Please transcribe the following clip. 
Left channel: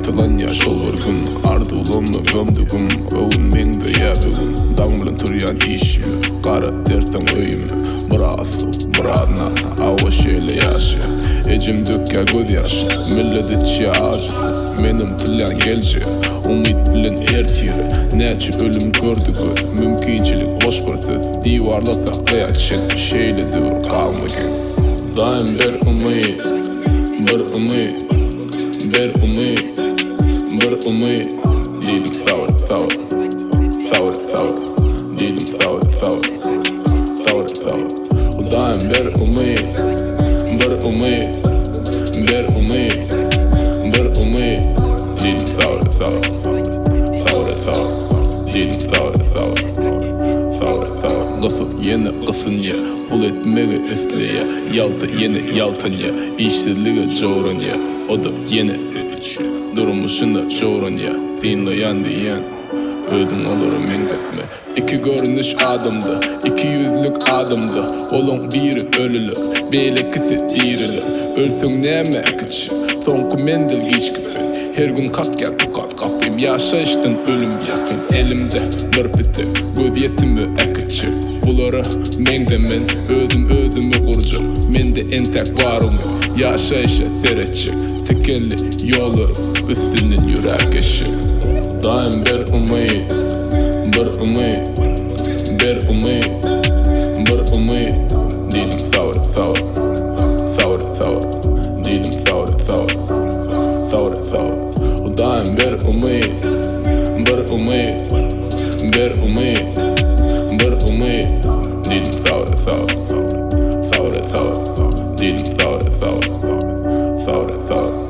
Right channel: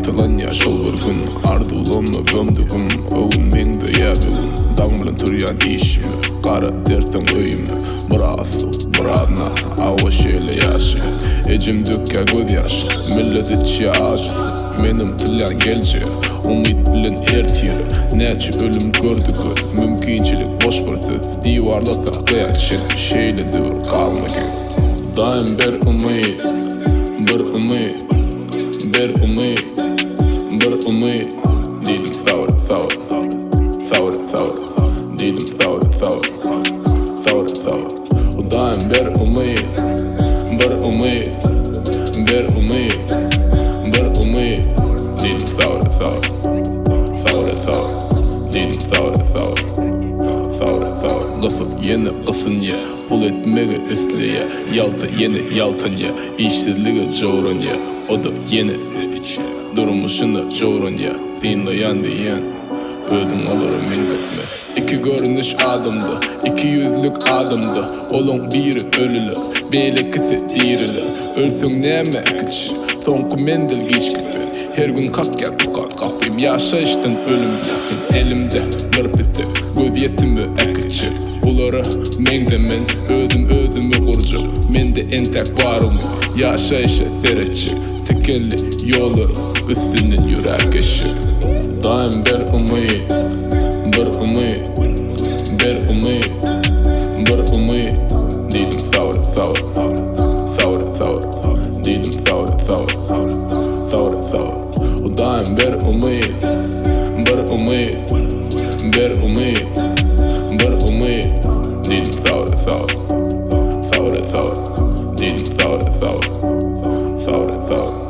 Qaytalan yaşol bir gün ardı ulanma gömdügüm Ögün meňde ýa bugün daň bilen turýan işimi Gara dersen öýümi Murasu, muradna, awa şeýle ýaşy Ejim dökkä göz ýaşy, millet içi ajysy Menim tilen gelje, umyt bilen ertiri Näçe ölüm gördü göz, mümkinçilik boş bir söz Diwarlasak gaýatşen, şeýle dur galmagy Daim bir umyt, bir umyt Bir umyt, bir umyt Diýdim sawr, sawr, sawr, sawr Diýdim sawr, sawr, sawr, sawr Daim bir umyt, bir umyt Bir umyt, bir umyt Diýdim sawr, sawr, sawr, sawr Diýdim sawr, sawr, sawr, sawr Gysyk ýene gysynýa, pul etmegi isleýä Ýalty ýene ýaltynýa, işsizlige jowranýa O da ýene durmuşyna jowranýa Sinleýän diýen Özüň olara meňzetme İki görünüş adamda, iki yüzlük adamda Olaň biri ölüler, beýlekisi diriler Ölsüň näme ekiçi, soňky mendel geçgitme Her gün kakya tukat kapym ýaşaýşdan ölüm ýakyn Elimde bir piti, göz ýetimi ekiçi Bulara meňde men özümi gurjak Mende entek barymy, ýaşaýşa seretçik Tikelli ýollarym, üstünden ýürek eşik Daim bir umyt, bir umyt Bir umyt, bir umyt Diýdim sawr, sawr, sawr, sawr Diýdim sawr, sawr, sawr, sawr Daim bir umyt, bir umyt Bir umyt, bir umyt Diýdim sawr, sawr, sawr, sawr Diýdim sawr, sawr, sawr, sawr